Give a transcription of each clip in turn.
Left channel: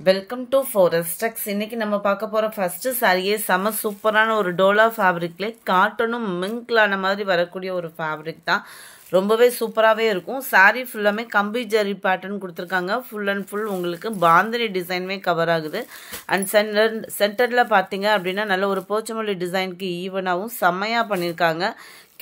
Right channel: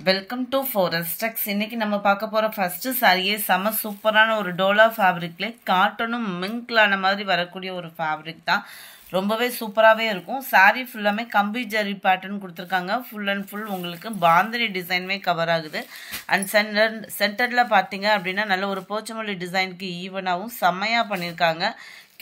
Welcome to ஃபாரஸ்டெக்ஸ். இன்னைக்கு நம்ம பார்க்க போற ஃபர்ஸ்ட் சாரியே செம சூப்பரான ஒரு டோலா ஃபேப்ரிக்ல காட்டனும் மிங்க்லான மாதிரி வரக்கூடிய ஒரு ஃபேப்ரிக் தான். ரொம்பவே சூப்பராகவே இருக்கும். சாரி ஃபுல்லாமே கம்பி ஜரி பேட்டர்ன் கொடுத்துருக்காங்க. ஃபுல் அண்ட் ஃபுல் உங்களுக்கு பாந்தினி டிசைன்மே கவர் ஆகுது. அண்ட் சென்டரில் பார்த்தீங்க அப்படின்னா நல்ல ஒரு போச்சமல்லி டிசைனுக்கு ஈவனாகவும் செம்மையாக பண்ணியிருக்காங்க.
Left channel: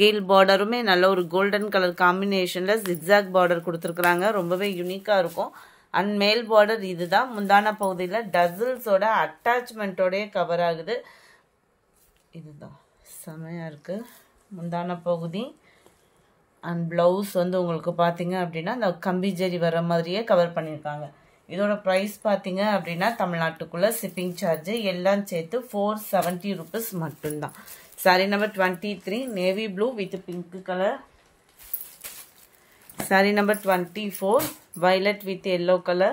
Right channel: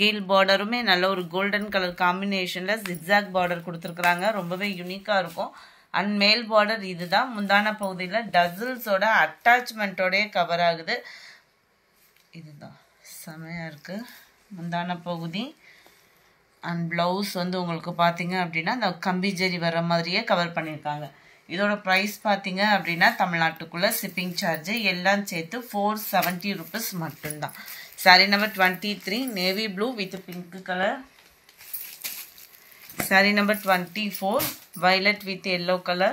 கீழ் பார்டருமே நல்ல ஒரு கோல்டன் கலர் காம்பினேஷனில் ஜிக்ஸாக் பார்டர் கொடுத்துருக்குறாங்க. ரொம்பவே யூனிக்காக இருக்கும். அண்ட் மேல் பார்டர் இதுதான். முந்தான பகுதியில் டசில்ஸோட அட்டாச்மெண்ட்டோடய கவர் ஆகுது. இதுதான் செமையாக இருக்குது முந்தான பகுதி. அண்ட் ப்ளவுஸ் வந்து உங்களுக்கு பார்த்தீங்க அப்படின்னா இந்த கம்பி ஜரி வர மாதிரியே கவர் பண்ணியிருக்காங்க. இதோட ப்ரைஸ் பார்த்தீங்க அப்படின்னா தமிழ்நாட்டுக்குள்ளே ஷிப்பிங் சார்ஜு எல்லாம் சேர்த்து 470 rupees மட்டும்தான். Sorry number 23 navy blue with pink colour. Sorry number 24 violet with yellow color.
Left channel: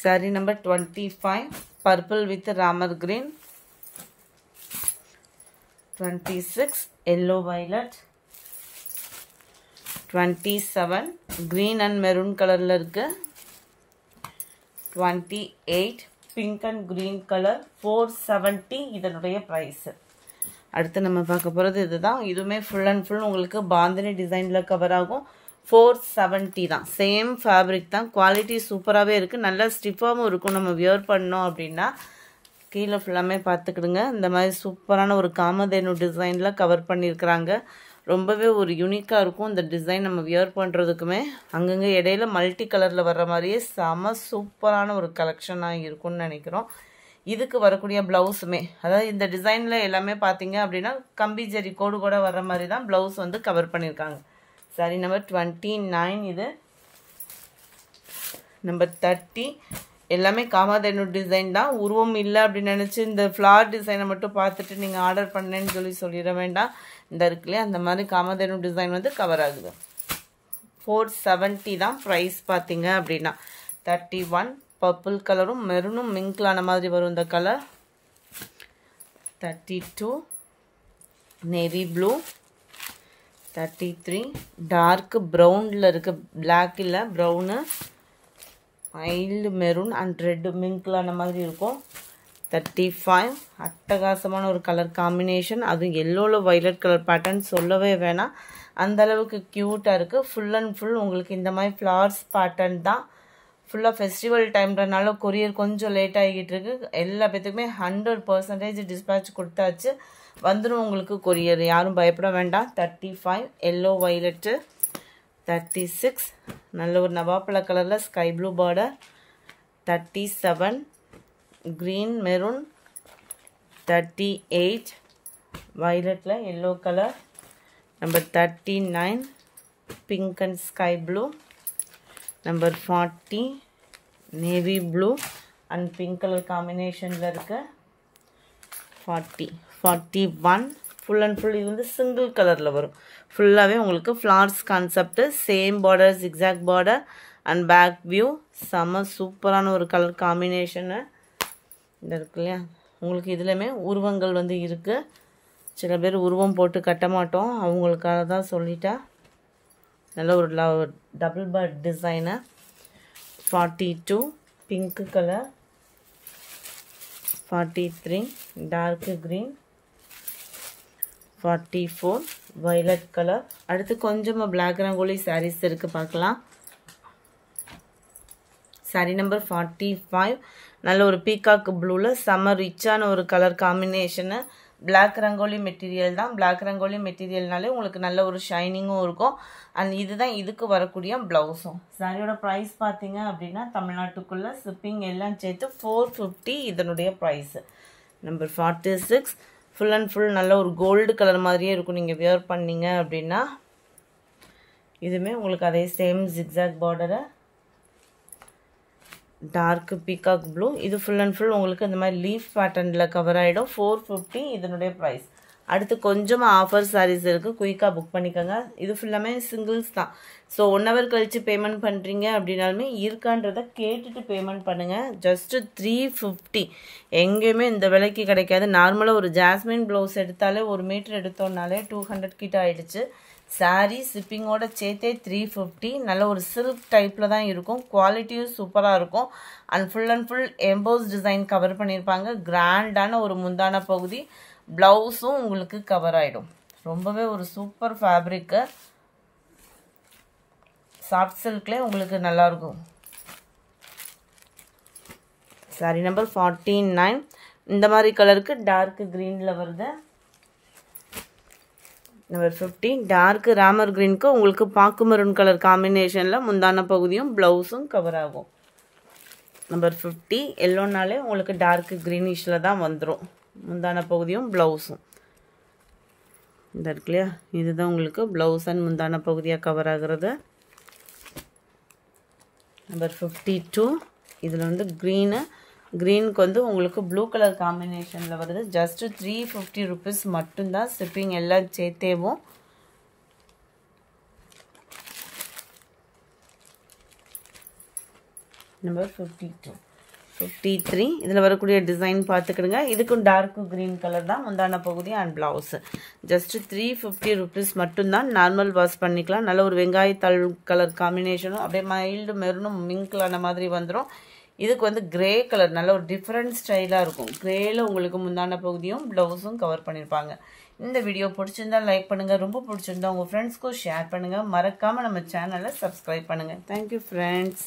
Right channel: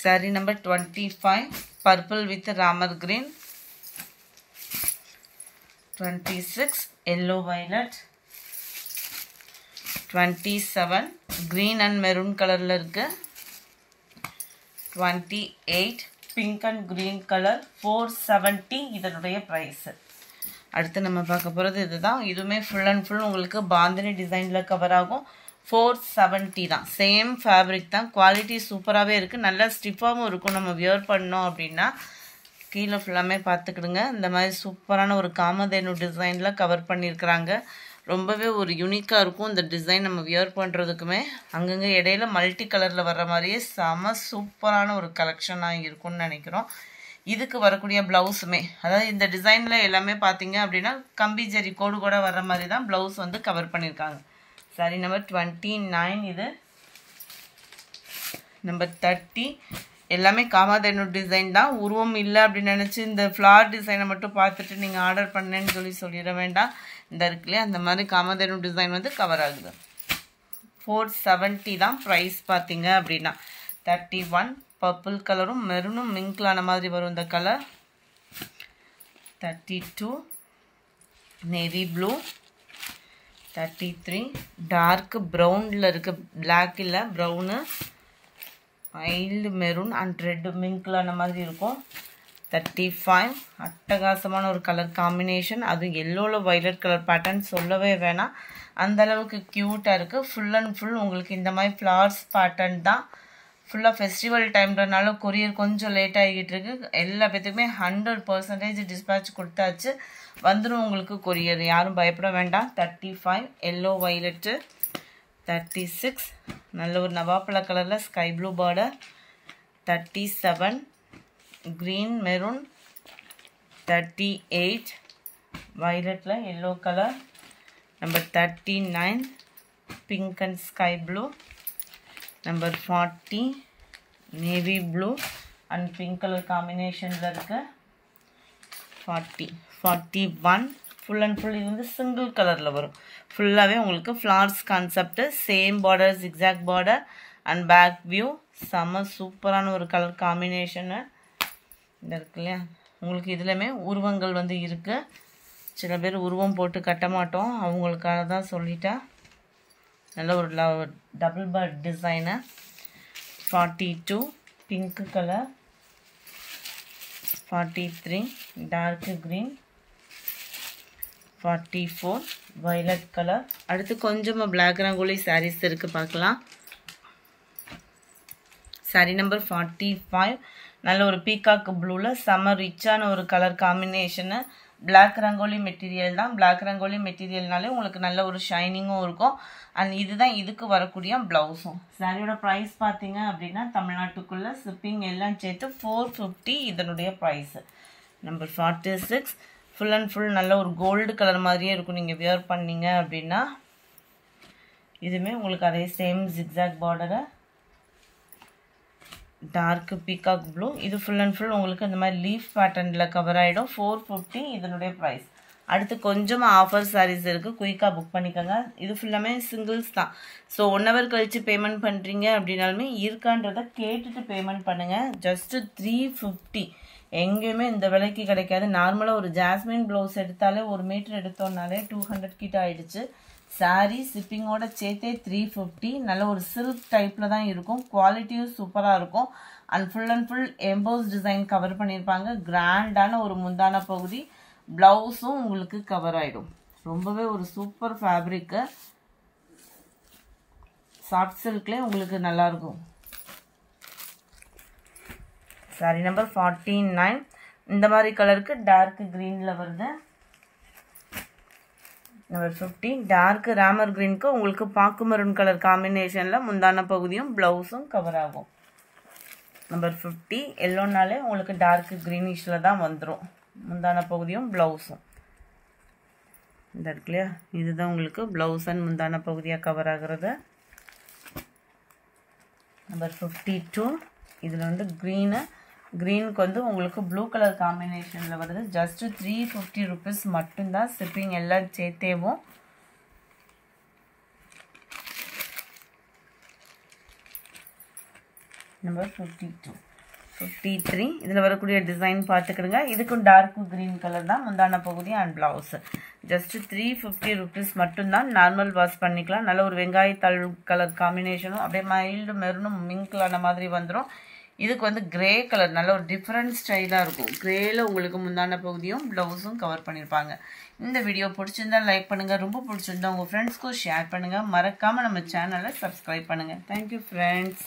Saree number 25 purple with ramar green. 26 yellow violet. 27 green and maroon color la irukku. 28 pink and green color. 470 இதனுடைய price. அடுத்து நம்ம பார்க்க போகிறது இதுதான். இதுவுமே full and full உங்களுக்கு பாந்தினி டிசைனில் cover ஆகும். 470 தான். சேம் ஃபேப்ரிக் தான். குவாலிட்டி சூப்பராகவே இருக்குது. நல்லா ஸ்டிஃபாகவும் இருக்கும். நம்ம வியர் பண்ணோம் அப்படின்னா கீழே ஃபுல்லாமே பார்த்துக்கிடுங்க. இந்த மாதிரி சூப்பரான ஒரு காமதேனு டிசைனில் கவர் பண்ணியிருக்கிறாங்க. ரொம்பவே ஒரு யூனிக்காக இருக்கும் இந்த டிசைன். நம்ம வியர் பண்ணுறதுக்குமே அங்கங்கே இடையில மல்டி கலரில் வர்ற மாதிரியே செம சூப்பரான ஒரு கலெக்ஷனாக இருக்கும்னு நினைக்கிறோம். இதுக்கு வரக்கூடிய ப்ளவுஸுமே அதாவது இந்த டிசைனில் எல்லாமே பார்த்தீங்க அப்படின்னா கம்பி ஜரி கோடு கூட வர்ற மாதிரி தான் ப்ளவுஸ் வந்து கவர் பண்ணியிருக்காங்க. சாரி நம்பர் 29 இது. நம்பர் 30 எல்லாமே காமதேனு டிசைன் தான். உருவம் இல்லை அப்படின்னு நினச்சி இந்த ஃப்ளார் டிசைனை மட்டும் பார்த்துட்டு நீங்கள் ஆர்டர் பண்ணேன்னு சொல்லிட வேண்டாம். இந்த இருக்குல்லையே அந்த மாதிரி காமதேனு டிசைன் வந்து கவர் ஆகுது. 470 தான் ப்ரைஸ் பார்த்தீங்க அப்படின்னா. 31 பர்பிள் கலரும் மெரூனும் மிங்க்லான மாதிரி வரும் இந்த கலர். 32 navy blue. 33 டார்க் ப்ரௌனில் இருக்க பிளாக் இல்லை brown mild maroon and red மிங்க்லான மாதிரி இருக்கும். 35 அட்டகாசமான ஒரு கலர் காம்பினேஷன். அது எல்லோவில் வைலட் கலர் பேட்டர்ன் சொல்லவே வேணாம். அந்தளவுக்கு க்யூட்டாக இருக்குது. ஃபுல் அண்ட் ஃபுல் உங்களுக்கு இந்த மாதிரி ஃப்ளவர்ஸ் பேட்டர்ன் தான். ஃபுல்லாக ஃபெஸ்டிவல் டைம்ன்றனால கொரியர் கொஞ்சம் லேட் ஆகிட்டு இருக்கு. எல்லா பேத்துக்குமே 100% டிஸ்பேட்ச் கொடுத்தாச்சு. வந்துடும் உங்களுக்கு கொரியர். யாரும் பயப்பட வேண்டாம். 35 எல்லோ வைலட்டு. 36 நல்ல ஒரு நவாப்பழ கலரில் sky blue border. 37 green maroon. 38 வைலட்டில் yellow colour. Number 39 pink and sky blue. Number 40 navy blue and pink colour காம்பினேஷனில் இருக்குது. 41 ஃபுல் அண்ட் ஃபுல் இது வந்து சிங்கிள் கலரில் வரும். ஃபுல்லாகவே உங்களுக்கு flowers concept. Same border zigzag border and back view. செம்ம சூப்பரான ஒரு கலர் காம்பினேஷனு இந்த இருக்கு இல்லையா. உங்களுக்கு இதுலையுமே உருவங்கள் வந்து இருக்குது. சில பேர் உருவம் போட்டு கட்ட மாட்டோம், அவங்களுக்காக தான் சொல்லிட்டேன். நல்ல ஒரு double part design. 42 pink colour. 43 dark green. 44 violet colour. அடுத்து கொஞ்சமாக பிளாக் ரங்கோலி சாரீஸ் இருக்குது, பார்க்கலாம். சாரீ நம்பர் 45 நல்ல ஒரு பீகாக் ப்ளூவில் செம்ம ரிச்சான ஒரு colour combination. Black rangoli material தான். பிளாக் ரங்கோலி மெட்டீரியல்னாலே உங்களுக்கு நல்ல ஒரு ஷைனிங்கும் இருக்கும். அண்ட் இதுதான் இதுக்கு வரக்கூடிய ப்ளவுஸும். சாரியோட ப்ரைஸ் பார்த்தீங்க அப்படின்னா தமிழ்நாட்டுக்குள்ளே ஷிப்பிங் எல்லாம் சேர்த்து 450 இதனுடைய price. Number 46 full and full நல்ல ஒரு கோல்டு கலர் மாதிரியே இருக்கும் நீங்கள் வியர் பண்ணீங்க அப்படின்னா. இதுவுமே உங்களுக்கு அதே சேம் ஜிக்ஸாக் பார்டரை டார்க் பீகாக் ப்ளூ. இது ஃபுல் அண்ட் ஃபுல் உங்களுக்கு இந்த மாதிரி லீஃப் பேட்டர்னில் கவர் ஆகிடும். 450 இதனுடைய ப்ரைஸ். அடுத்து கொஞ்சமாக ஆஃபர் சாரீஸ் இருக்குது, குயிக்காக புக் பண்ணிக்கோங்க. இது ஃபுல்லாமே சிங்கிள்ஸ் தான். ஸோ 1 hour கழித்து பேமெண்ட் பண்ணுறீங்க அப்படின்னாலுமே இருக்கான்றதை கேட்டுட்டு பேமெண்ட் பண்ணுங்கள். ஜஸ்ட்டு 350 எங்கேயுமே இந்த விலைக்கு கிடைக்காது. நார்மலாக ஒரு ஜாஸ்மின் ப்ளவுஸ் எடுத்தாலே 1 மீட்டர் எடுத்தோம்னாலே 200 கிட்ட ஆகிடுச்சு. சாரீ ஷிப்பிங்கோட சேர்த்தே 350. நல்ல ஒரு சில்க் டைப்பில் தான் இருக்கும். குவாலிட்டியும் சூப்பராக இருக்கும். And full EMBOSS design cover பண்ணியிருப்பாங்க. கிராண்டான ஒரு முந்தான பகுதி. ப்ளவுஸும் உங்களுக்கு கவர் ஆகிடும். ரொம்பவே ஒரு சூப்பர் ஃபேப்ரிக்கு. சாஃப்ட் சில்க்லேயே உங்களுக்கு நல்லாயிருக்கும். Sorry number 49. இந்த மாதிரி கலருக்கு டார்க் க்ரீனில் வருது. நம்பர் 50 டார்க் ராமர் க்ரீனுக்கு உங்களுக்கு பாக்கு மெரூன் கலர் காம்பினேஷனில் முந்தான பகுதியும் ப்ளவுஸும் கவர் ஆகும். நம்பர் 50 எல்லோனாலே உங்களுக்கு டார்க் க்ரீனிஷில் தான் வந்துடும். முந்தான பகுதியும் ப்ளவுஸும் இந்த இருக்கு இல்லையா, இதுதான் உங்களுக்கு ப்ளவுஸ் அண்ட் முந்தான பகுதியாக கவர் ஆகிறது. நம்பர் 52 இதில் வந்து க்ரீனுக்கு வந்து உங்களுக்கு ப்ளூ கலர் காம்பினேஷனில் வருது. ஜஸ்ட் 350 rupees மட்டும்தான். ஷிப்பிங் எல்லாம் சேர்த்தேவும். நம்பர் 52 53 இதில் வரக்கூடிய டிசைன் பார்த்துக்கிடுங்க. இதுக்கும் டார்க் க்ரீன் கலர் தான் முந்தான பகுதி அண்ட் ப்ளவுஸு. ஜஸ்ட் 350 rupees மட்டும்தான். நார்மல் வாஷ் பண்ணிக்கலாம். நல்ல ஒரு வெங்காயத்தாள் கலர் காம்பினேஷனும் அப்படியே மைல்டு மெரூனும் மிங்க்லான மாதிரி வந்துடும். இதுக்கு வந்து கிரே கலர் நல்ல ஒரு டிஃப்ரெண்ட் ஸ்டைலாக இருக்கும். கிரேயில் உங்களுக்கு முந்தான பகுதியும் ப்ளவுஸும் கவர் பண்ணியிருப்பாங்க. இந்த வீடியோ பிடிச்சிருந்தா லைக் பண்ணுங்கள். ரொம்ப பிடிச்சிருந்தா உங்கள் ஃப்ரெண்ட்ஸ்க்கும் ஷேர் பண்ணுங்கள். மறக்காமல் நம்ம சேனலை சப்ஸ்கிரைப் பண்ணுங்கள். Thank you friends.